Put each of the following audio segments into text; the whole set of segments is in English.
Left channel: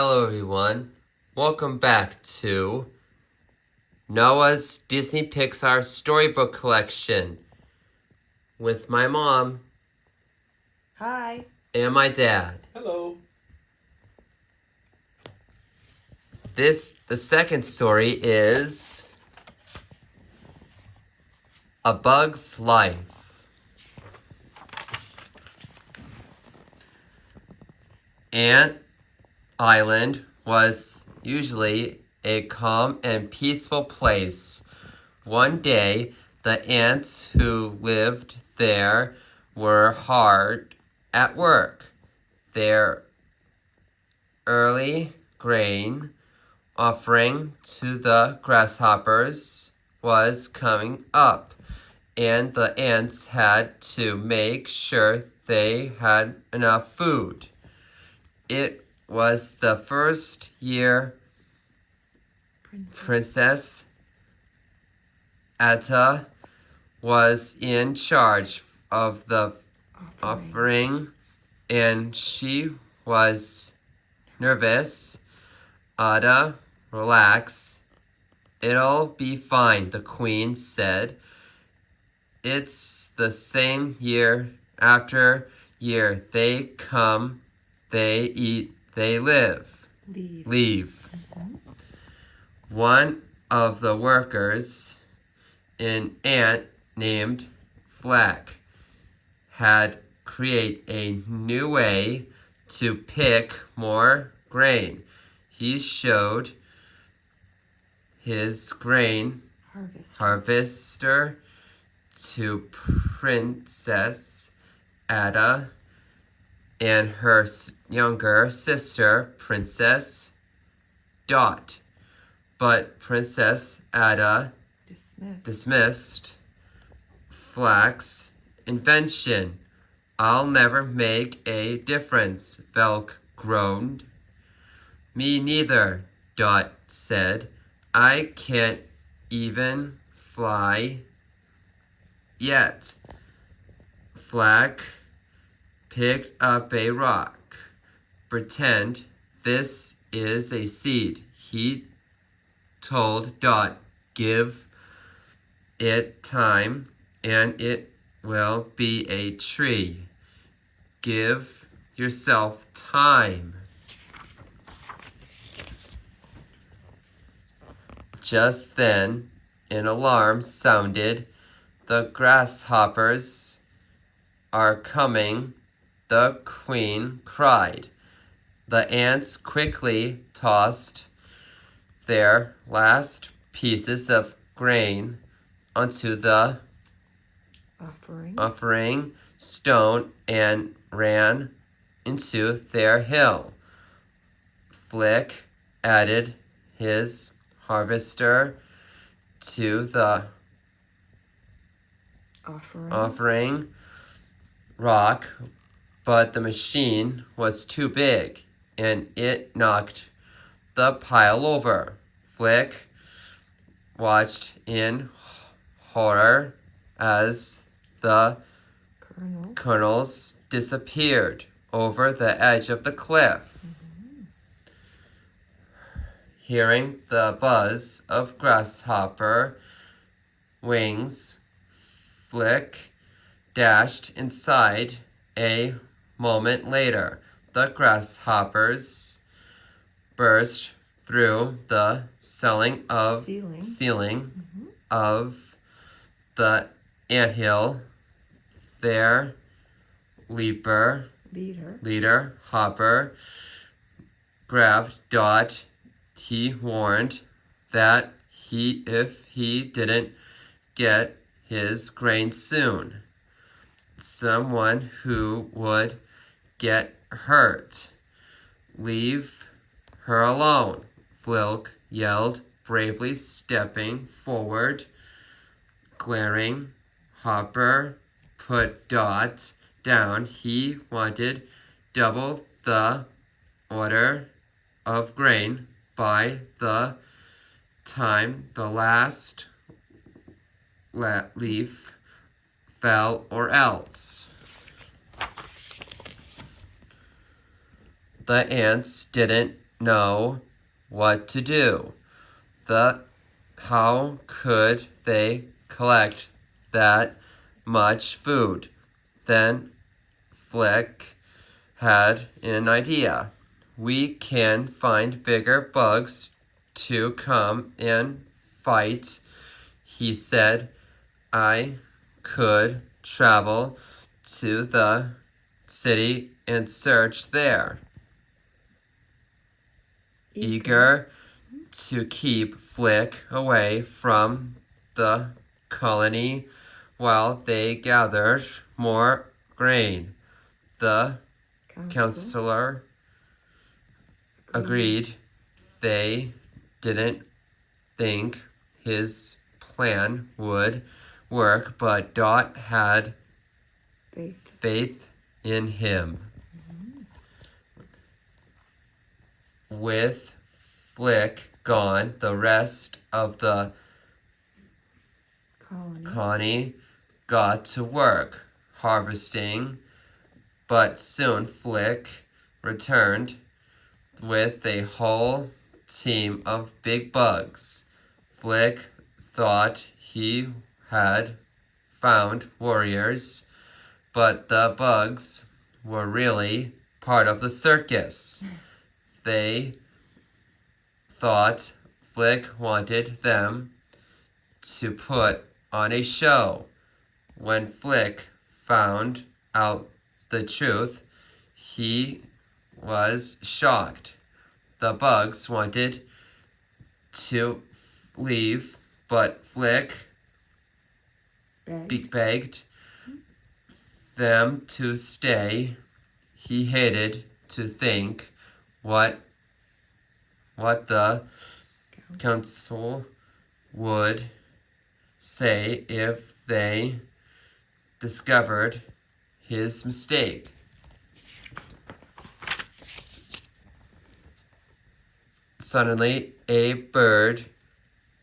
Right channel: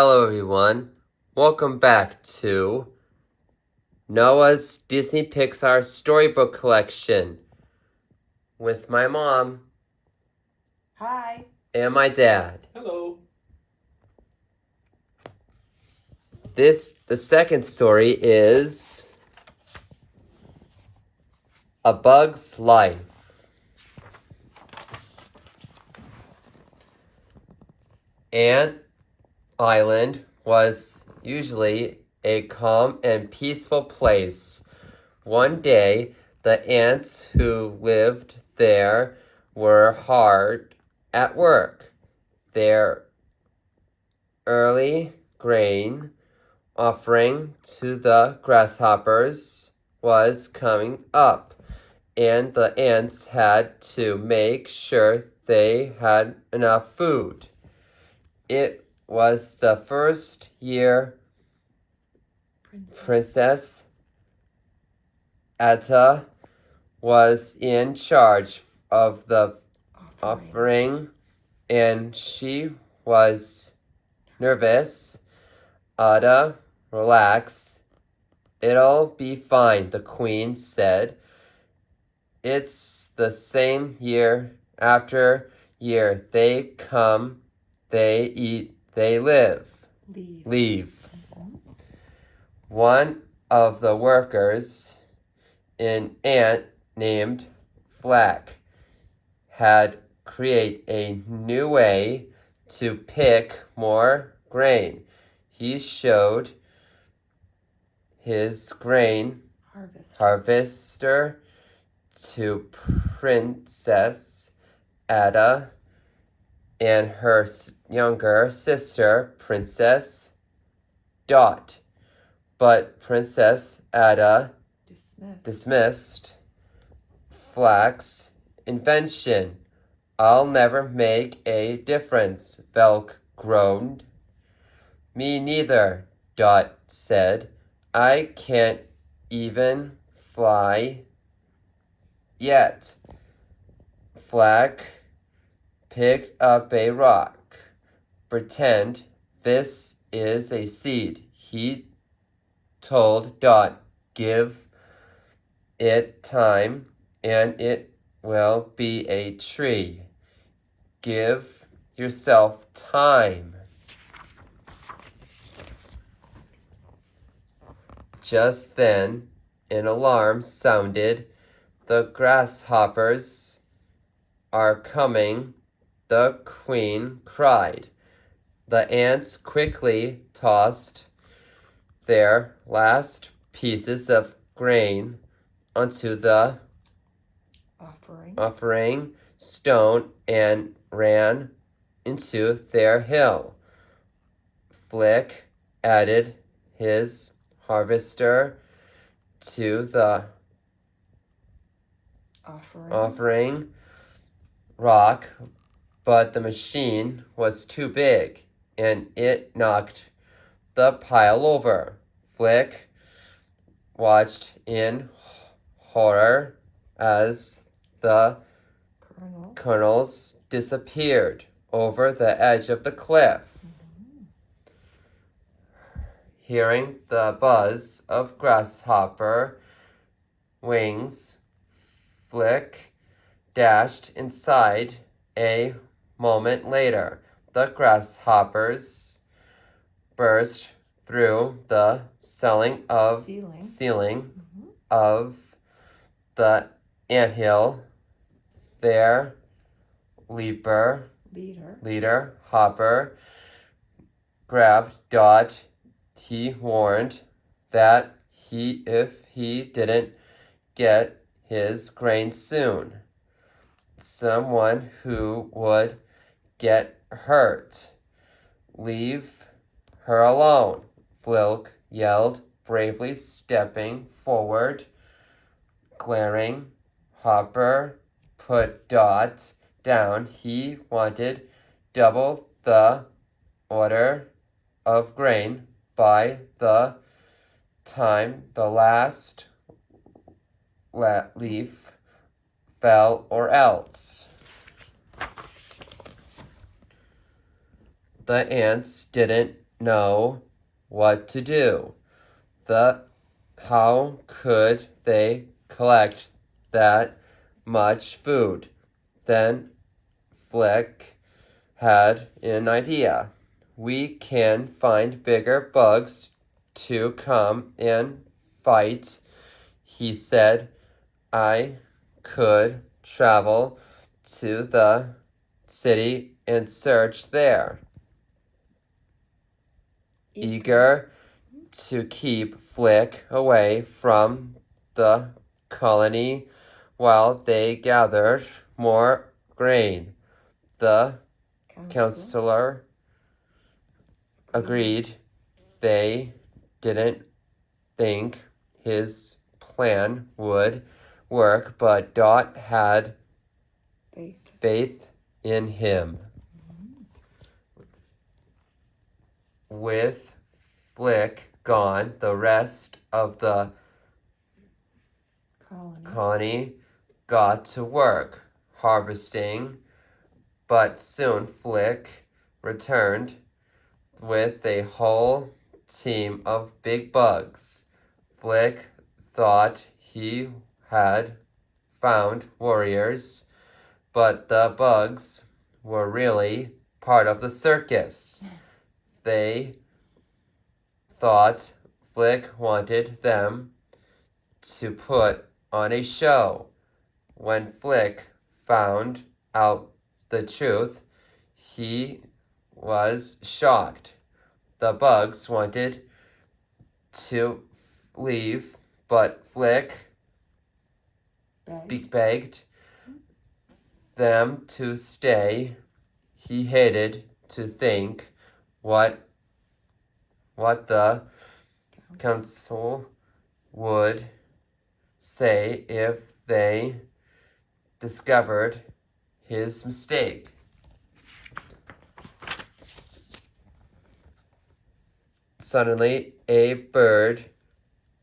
Hello everyone, welcome back to Noah's Disney Pixar Storybook Collection with my mom. Hi. And my dad. Hello. The second story is A Bug's Life. Ant Island was usually a calm and peaceful place. One day, the ants who lived there were hard at work. Their early grain offering to the grasshoppers was coming up, and the ants had to make sure they had enough food. It was the first year Princess Atta was in charge of the offering, and she was nervous. Atta, relax. It'll be fine, the queen said. It's the same year after year. They come, they eat, they live. Leave. One of the workers, an ant named Flack, had created a new way to pick more grain. He showed his grain harvester to Princess Ada and her younger sister, Princess Dot. But Princess Ada dismissed Flack's invention. I'll never make a difference, Velk groaned. Me neither, Dot said. I can't even fly yet. Flack picked up a rock. Pretend this is a seed, he told Dot. Give it time and it will be a tree. Give yourself time. Just then, an alarm sounded. The grasshoppers are coming, the queen cried. The ants quickly tossed their last pieces of grain onto the offering stone and ran into their hill. Flick added his harvester to the offering rock, but the machine was too big and it knocked the pile over. Flick watched in horror as the kernels disappeared over the edge of the cliff. Hearing the buzz of grasshopper wings, Flick dashed inside. A moment later, the grasshoppers burst through the ceiling of the anthill. Their leader Hopper grabbed Dot. He warned that if he didn't get his grain soon, someone who would get hurt. Leave her alone, Flick yelled, bravely stepping forward. Glaring, Hopper put Dot down. He wanted double the order of grain by the time the last leaf fell, or else. The ants didn't know what to do. How could they collect that much food? Then Flick had an idea. We can find bigger bugs to come and fight, he said. I could travel to the city and search there. Eager to keep Flick away from the colony while they gathered more grain. The counselor agreed. They didn't think his plan would work, but Dot had faith in him. With Flick gone, the rest of the colony got to work harvesting, but soon Flick returned with a whole team of big bugs. Flick thought he had found warriors, but the bugs were really part of the circus. They thought Flick wanted them to put on a show. When Flick found out the truth, he was shocked. The bugs wanted to leave, but Flick begged them to stay. He hated to think what the council would say if they discovered his mistake. Suddenly, a bird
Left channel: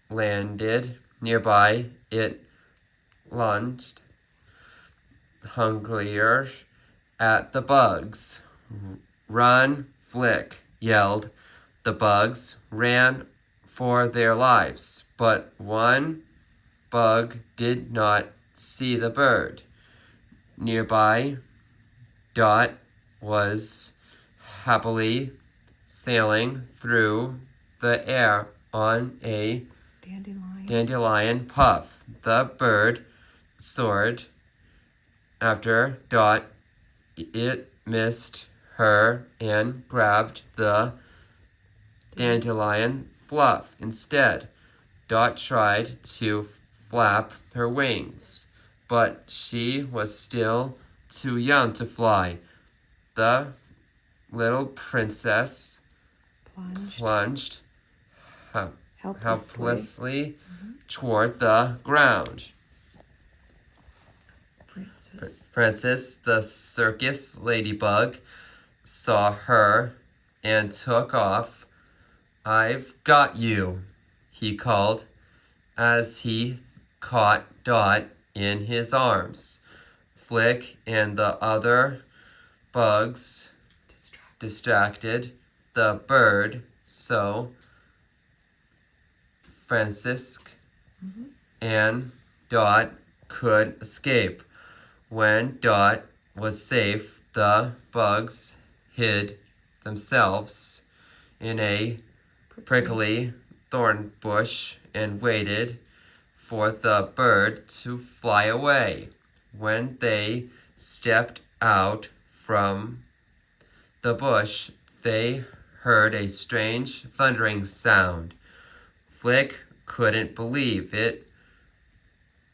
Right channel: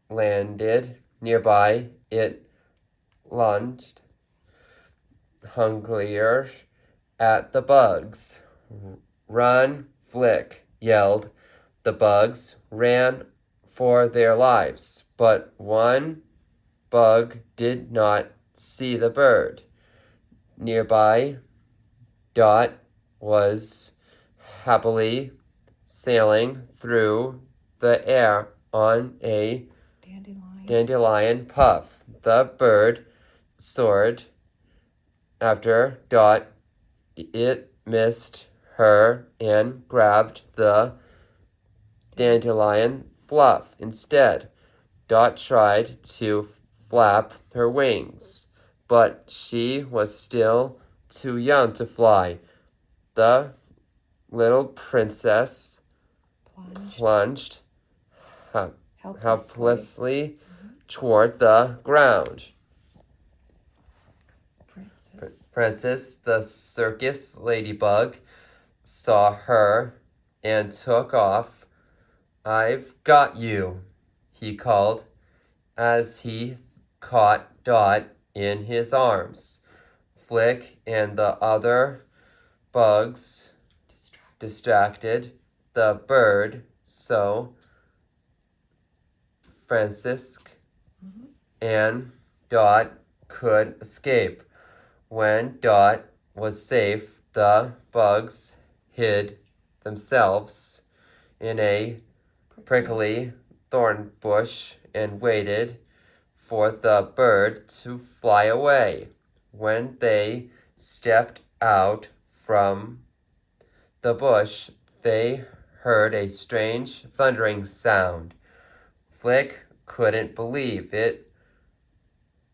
landed nearby. It lunged hungrily at the bugs. "Run, Flick!" yelled. The bugs ran for their lives, but one bug did not see the bird. Nearby, Dot was happily sailing through the air on a dandelion puff. The bird soared after Dot. It missed her and grabbed the dandelion fluff instead. Dot tried to flap her wings, but she was still too young to fly. The little princess plunged helplessly toward the ground. Princess, the circus ladybug, saw her and took off. "I've got you," he called as he caught Dot in his arms. Flick and the other bugs distracted the bird so Francisque and Dot could escape. When Dot was safe, the bugs hid themselves in a prickly thorn bush and waited for the bird to fly away. When they stepped out from the bush, they heard a strange thundering sound. Flick couldn't believe it.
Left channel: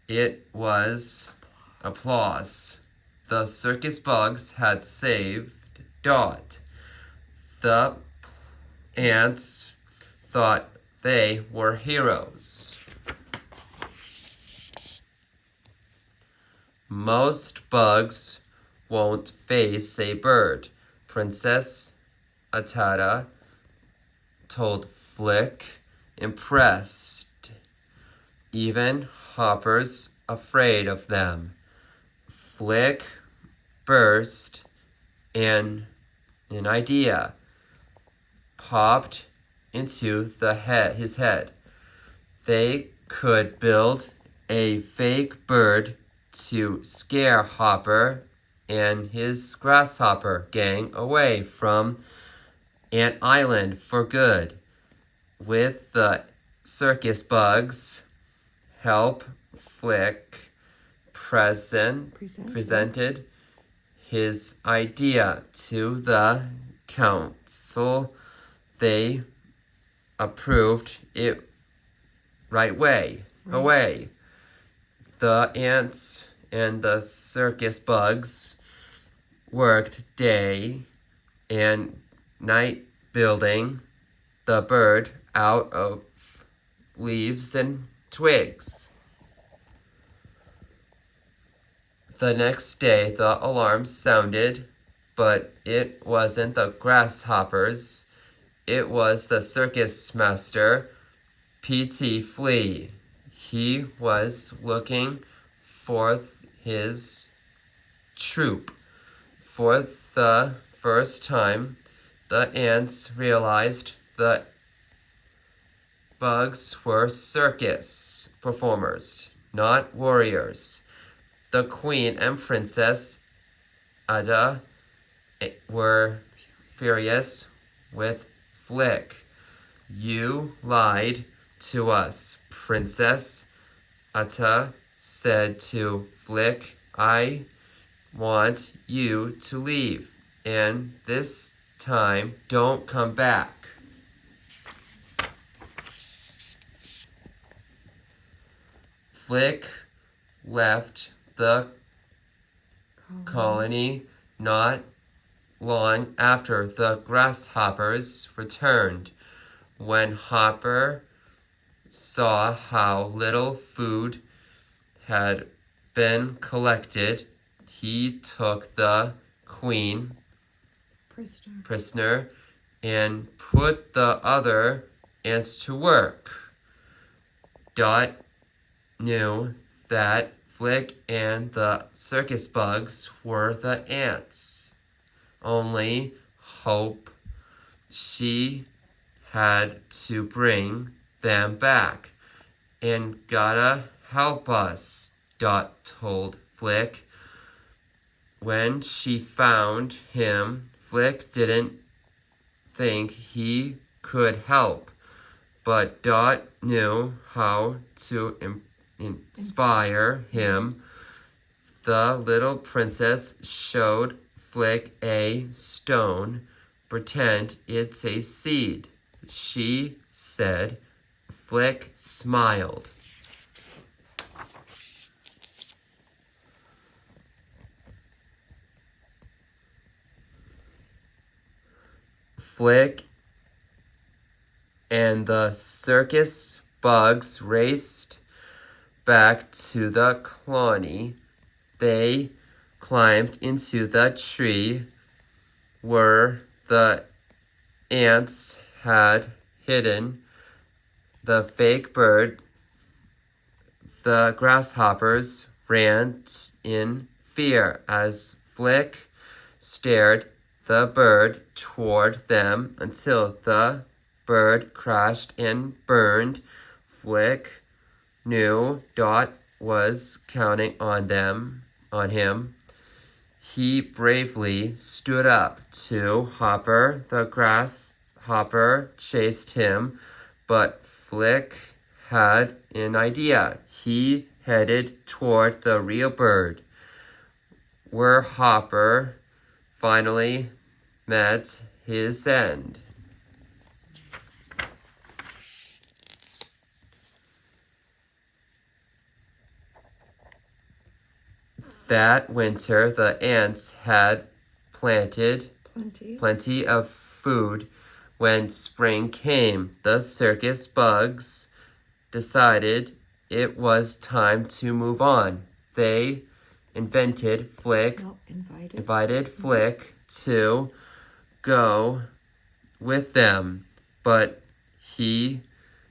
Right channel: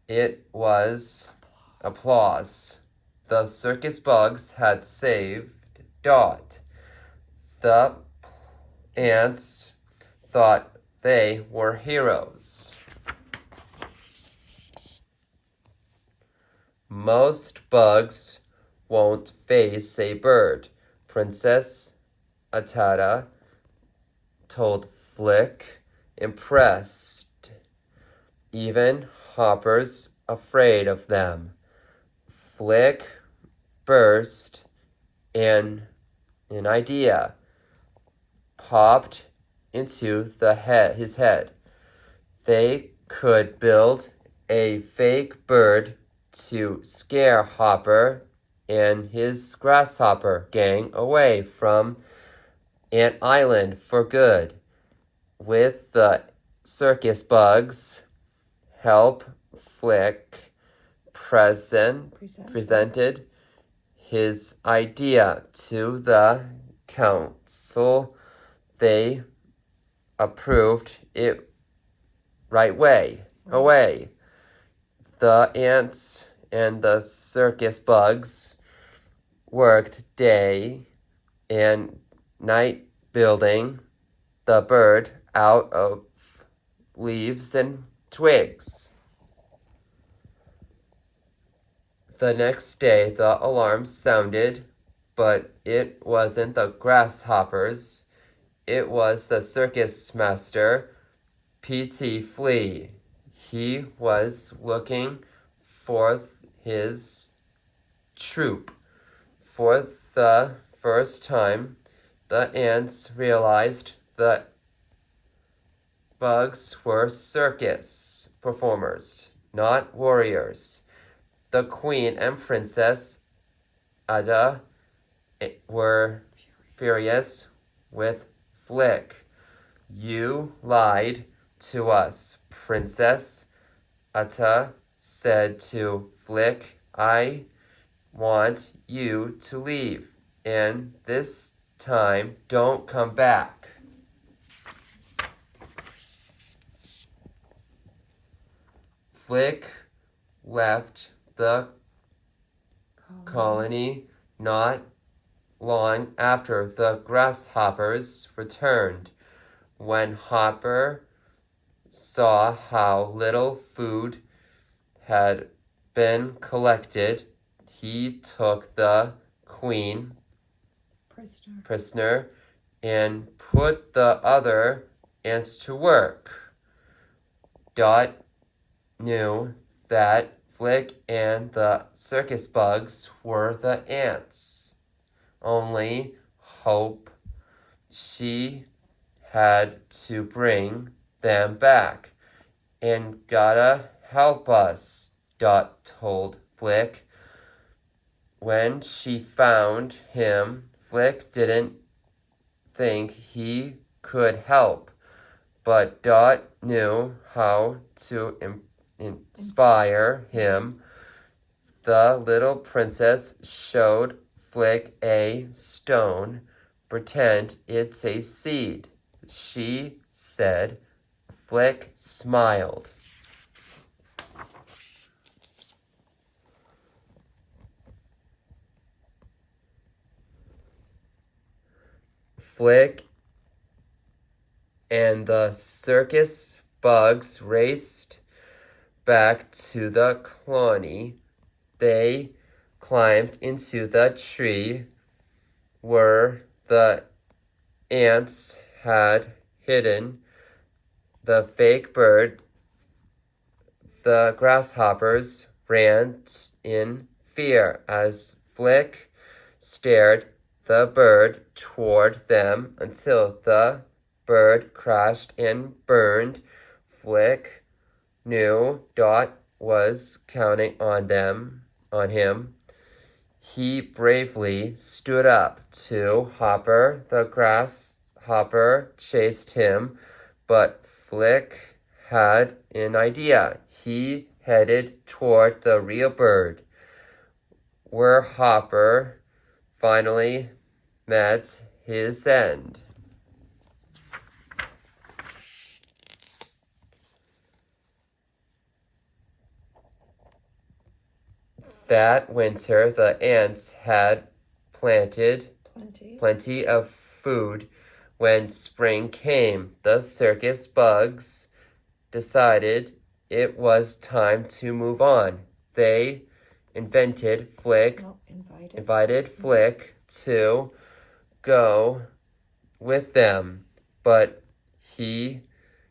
It was applause. The circus bugs had saved Dot. The ants thought they were heroes. Most bugs won't face a bird, Princess Atata told Flick, impressed. Even Hopper's afraid of them. Flick burst an idea. popped into his head. They could build a fake bird to scare Hopper and his grasshopper gang away from Ant Island for good. With the circus bugs' help, Flick presented his idea to the council. They approved it right away. The ants and the circus bugs worked day and night building the bird out of leaves and twigs. The next day the alarm sounded, but it wasn't the grasshoppers. It was the circus master, P.T. Flea. He was looking for his troop. For the first time, the ants realized the bugs were circus performers, not warriors. The Queen and Princess Ada were furious with Flick. You lied to us, Princess Ada said to Flick. I want you to leave, and this time don't come back. Flick left the colony not long after the grasshoppers returned. When Hopper saw how little food had been collected, he took the queen prisoner and put the other ants to work. Dot knew that Flick and the circus bugs were the ants. Only hope she had to bring them back. And gotta help us, Dot told Flick. When she found him, Flick didn't think he could help, but Dot knew how to inspire him. The little princess showed Flick a stone. Pretend it's a seed, she said. Flick smiled. Flick and the circus bugs raced back to the colony. They climbed into the tree where the ants had hidden the fake bird. The grasshoppers ran in fear as Flick stared the bird toward them until the bird crashed and burned. Flick knew Dot was counting on him. He bravely stood up to Hopper. The grasshopper chased him, but Flick had an idea. He headed toward the real bird, where Hopper finally met his end. That winter, the ants had planted plenty of food. When spring came, the circus bugs decided it was time to move on. They invited Flick to go with them, but he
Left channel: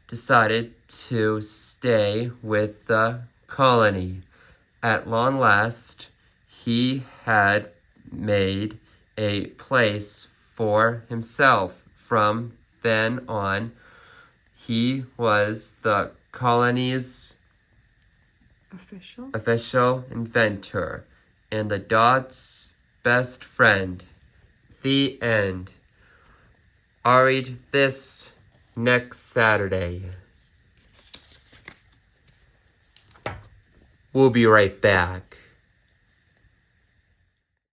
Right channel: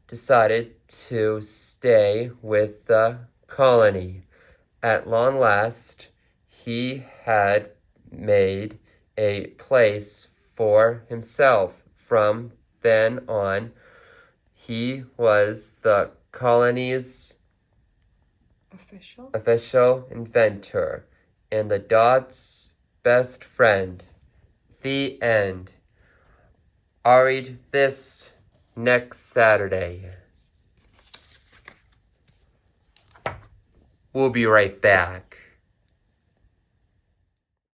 decided to stay with the colony. At long last, he had made a place for himself from then on, he was the colony's official inventor and the dog's best friend. The end. I'll read this next Saturday. We'll be right back.